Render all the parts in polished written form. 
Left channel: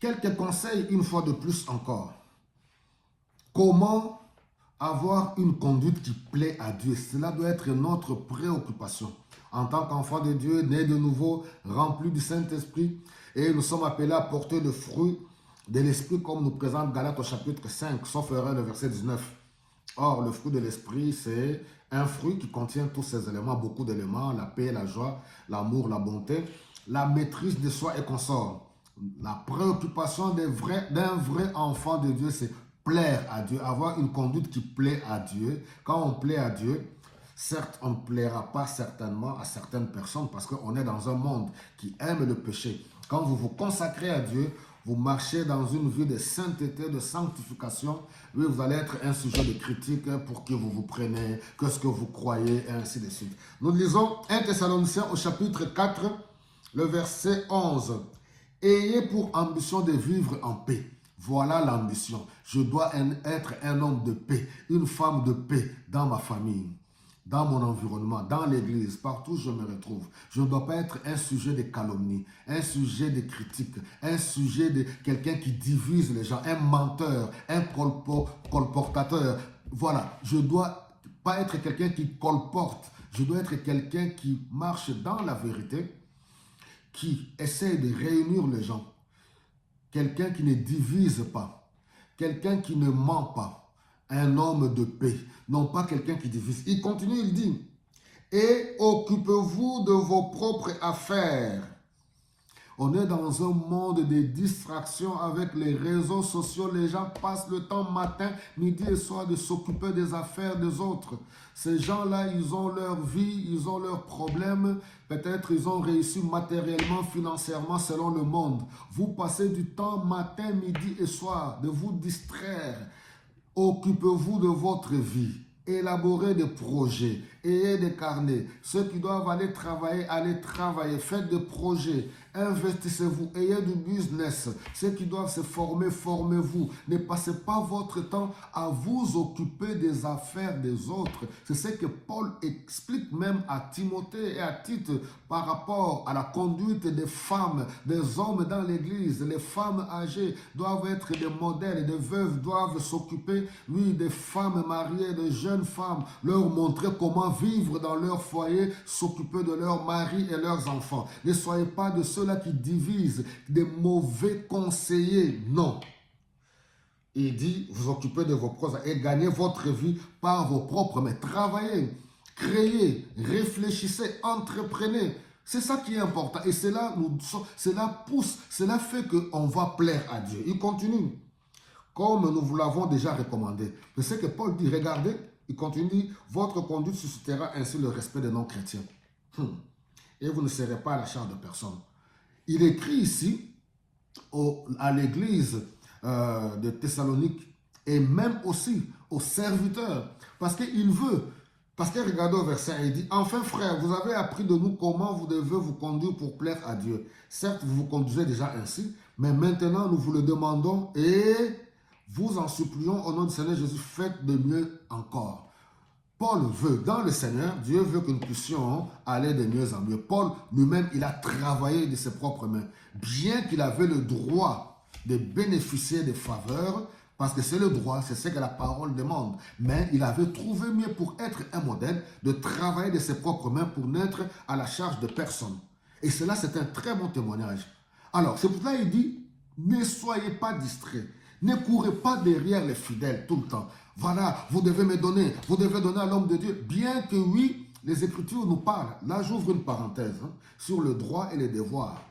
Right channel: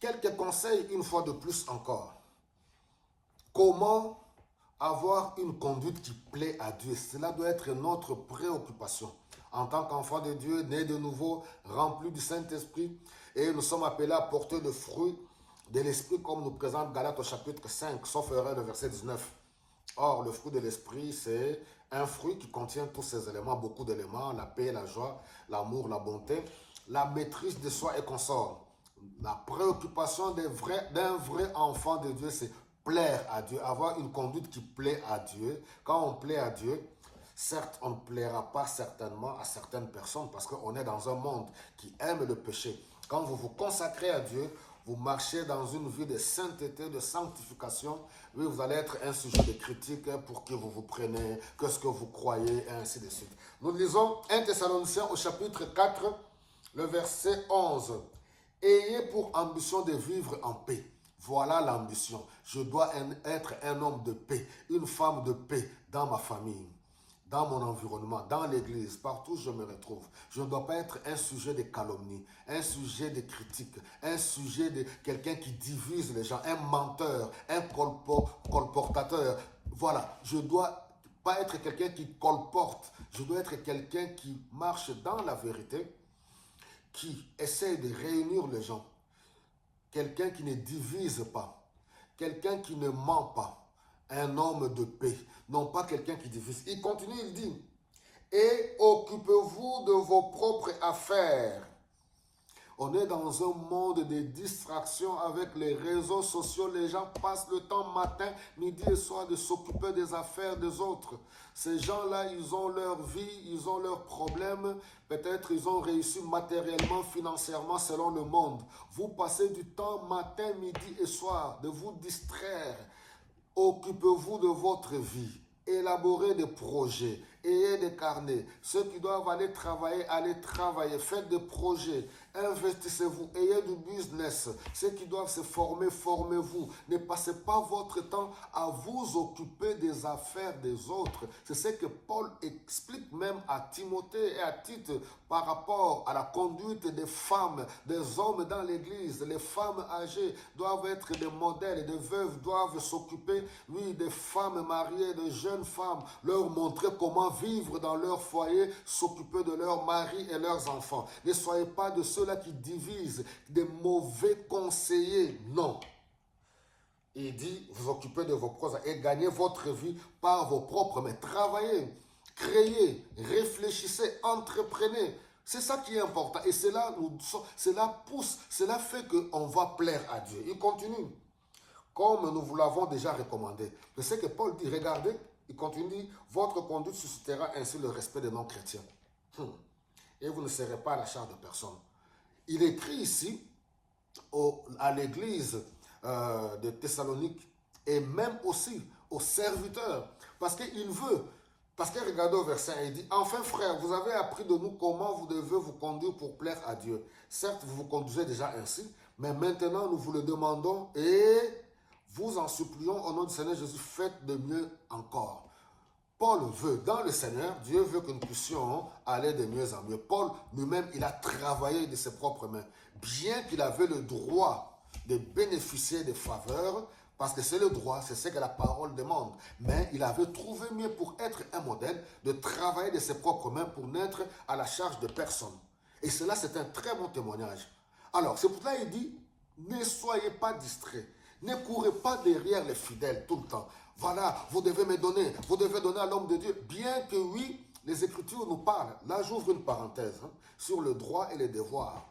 Quelques conseils une fois de plus encore. Comment avoir une conduite qui plaît à Dieu? Cela doit être notre préoccupation. En tant qu'enfant de Dieu, né de nouveau, rempli du Saint-Esprit, et nous sommes appelés à porter le fruit de l'Esprit comme nous présente Galates au chapitre 5, sauf erreur le verset 19. Or, le fruit de l'Esprit, c'est un fruit qui contient tous ces éléments, beaucoup d'éléments, la paix, la joie, l'amour, la bonté, la maîtrise de soi et consort. La préoccupation d'un vrai enfant de Dieu, c'est plaire à Dieu, avoir une conduite qui plaît à Dieu. Quand on plaît à Dieu, certes, on ne plaira pas certainement à certaines personnes parce qu'on est dans un monde qui aime le péché. Quand vous vous consacrez à Dieu, vous marchez dans une vie de sainteté, de sanctification, oui, vous allez être un sujet de critique pour qui vous vous prenez, qu'est-ce que vous croyez, et ainsi de suite. Nous lisons 1 Thessaloniciens au chapitre 4, le verset 11. Ayez pour ambition de vivre en paix. Voilà l'ambition. Je dois être un homme de paix, une femme de paix dans ma famille, dans mon environnement, dans l'église, partout où je me retrouve. Je ne dois pas être un sujet de calomnie, un sujet de critique, un sujet de quelqu'un qui divise les gens, un menteur, un colportateur. Voilà, je ne dois pas être quelqu'un qui colporte, je dois être quelqu'un qui marche dans la vérité, qui essaie de réunir les gens, quelqu'un qui ne divise pas, quelqu'un qui ne ment pas, un homme de paix, non pas quelqu'un qui divise. Il continue, il dit, et occupez-vous de vos propres affaires. On est dans un monde de distractions avec les réseaux sociaux. Les gens passent le temps matin, midi et soir de s'occuper des affaires des autres. Ces gens-là, ils ont leur vie, ils ont leurs problèmes. Peut-être ils ont réussi matériellement, financièrement, selon le monde. Vous passez du temps matin, midi et soir de vous distraire. Occupez-vous de votre vie. Élaborez des projets, ayez des carnets. Ceux qui doivent aller travailler, faites des projets, investissez-vous, ayez du business. Ceux qui doivent se former, formez-vous. Ne passez pas votre temps à vous occuper des affaires des autres. C'est ce que Paul explique même à Timothée et à Tite par rapport à la conduite des femmes, des hommes dans l'église. Les femmes âgées doivent être des modèles, des veuves doivent s'occuper, oui, des femmes mariées, des jeunes femmes, leur montrer comment vivre dans leur foyer, s'occuper de leurs maris et leurs enfants. Ne soyez pas de ceux-là qui divisent, des mauvais conseillers, non. Il dit, vous occupez de vos propres et gagnez votre vie par vos propres mains. Travaillez, créez, réfléchissez, entreprenez. C'est ça qui est important. Et cela pousse, cela fait qu'on va plaire à Dieu. Il continue. Comme nous vous l'avons déjà recommandé. C'est ce que Paul dit, regardez, il continue, votre conduite suscitera ainsi le respect des non-chrétiens. Et vous ne serez pas à la charge de personne. Il écrit ici à l'église de Thessalonique et même aussi aux serviteurs. Parce qu'il veut, parce que regardez au verset, il dit, enfin frères, vous avez appris de nous comment vous devez vous conduire pour plaire à Dieu. Certes, vous vous conduisez déjà ainsi, mais maintenant nous vous le demandons et vous en supplions au nom du Seigneur Jésus, faites de mieux encore. Paul veut, dans le Seigneur, Dieu veut que nous puissions aller de mieux en mieux. Paul lui-même, il a travaillé de ses propres mains. Bien qu'il avait le droit de bénéficier des faveurs, parce que c'est le droit, c'est ce que la parole demande. Mais il avait trouvé mieux pour être un modèle, de travailler de ses propres mains pour n'être à la charge de personne. Et cela, c'est un très bon témoignage. Alors, c'est pour ça qu'il dit, ne soyez pas distraits. Ne courez pas derrière les fidèles tout le temps. Voilà, vous devez me donner, vous devez donner à l'homme de Dieu. Bien que oui, les Écritures nous parlent. Là, j'ouvre une parenthèse sur le droit et les devoirs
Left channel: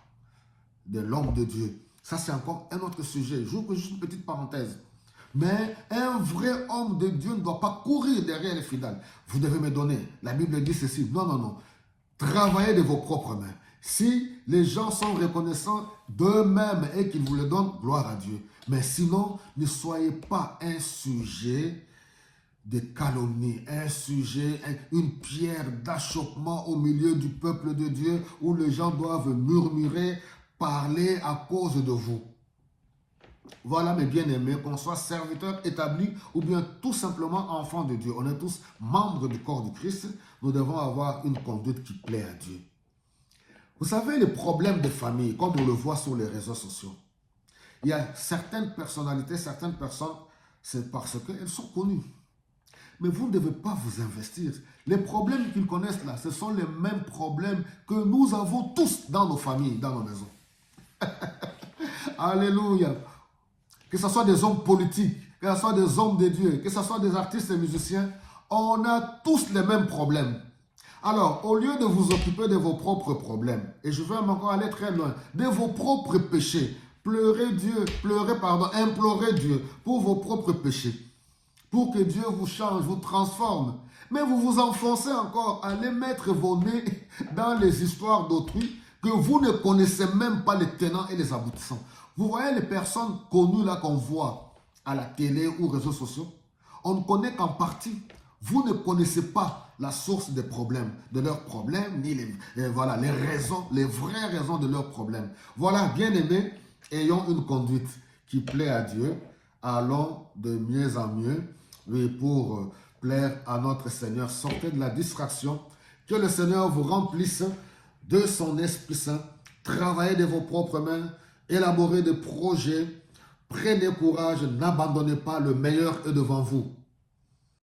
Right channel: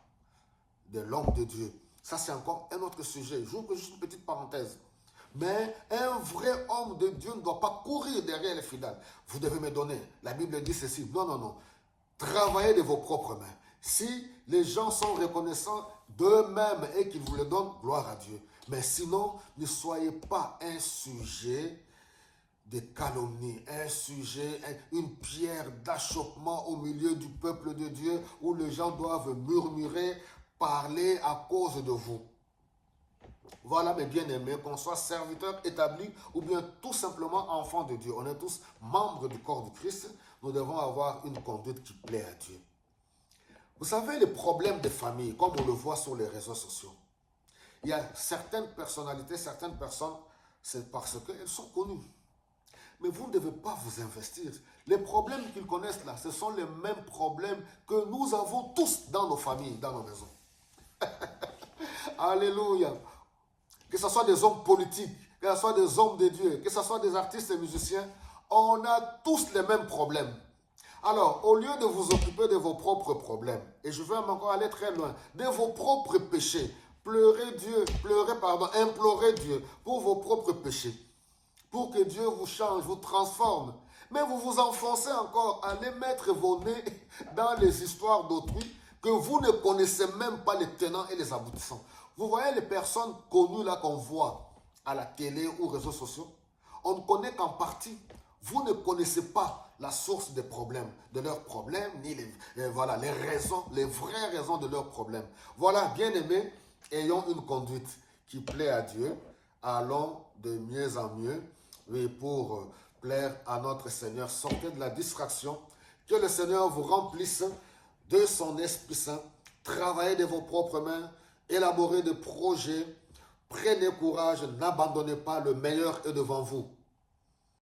de l'homme de Dieu. Ça, c'est encore un autre sujet. J'ouvre juste une petite parenthèse. Mais un vrai homme de Dieu ne doit pas courir derrière les fidèles. Vous devez me donner. La Bible dit ceci. Non, non, non. Travaillez de vos propres mains. Si les gens sont reconnaissants d'eux-mêmes et qu'ils vous le donnent, gloire à Dieu. Mais sinon, ne soyez pas un sujet de calomnie, un sujet, une pierre d'achoppement au milieu du peuple de Dieu où les gens doivent murmurer, parler à cause de vous. Voilà mes bien-aimés, qu'on soit serviteur établi ou bien tout simplement enfant de Dieu. On est tous membres du corps du Christ. Nous devons avoir une conduite qui plaît à Dieu. Vous savez, les problèmes de famille, comme on le voit sur les réseaux sociaux, Il y a certaines personnalités, certaines personnes, c'est parce qu'elles sont connues. Mais vous ne devez pas vous investir. Les problèmes qu'ils connaissent là, ce sont les mêmes problèmes que nous avons tous dans nos familles, dans nos maisons. Alléluia. Que ce soit des hommes politiques, que ce soit des hommes de Dieu, que ce soit des artistes et musiciens, on a tous les mêmes problèmes. Alors, au lieu de vous occuper de vos propres problèmes, et je vais encore aller très loin, de vos propres péchés, implorer Dieu pour vos propres péchés, pour que Dieu vous change, vous transforme. Mais vous vous enfoncez encore à aller mettre vos nez dans les histoires d'autrui que vous ne connaissez même pas les tenants et les aboutissants. Vous voyez les personnes connues là qu'on voit à la télé ou réseaux sociaux, on ne connaît qu'en partie. Vous ne connaissez pas la source des problèmes, de leurs problèmes, ni voilà, les raisons, les vraies raisons de leurs problèmes. Voilà, bien aimés, ayons une conduite qui plaît à Dieu. Allons de mieux en mieux pour plaire à notre Seigneur. Sortez de la distraction. Que le Seigneur vous remplisse de son Esprit Saint. Travaillez de vos propres mains. Élaborez des projets. Prenez courage. N'abandonnez pas. Le meilleur est devant vous.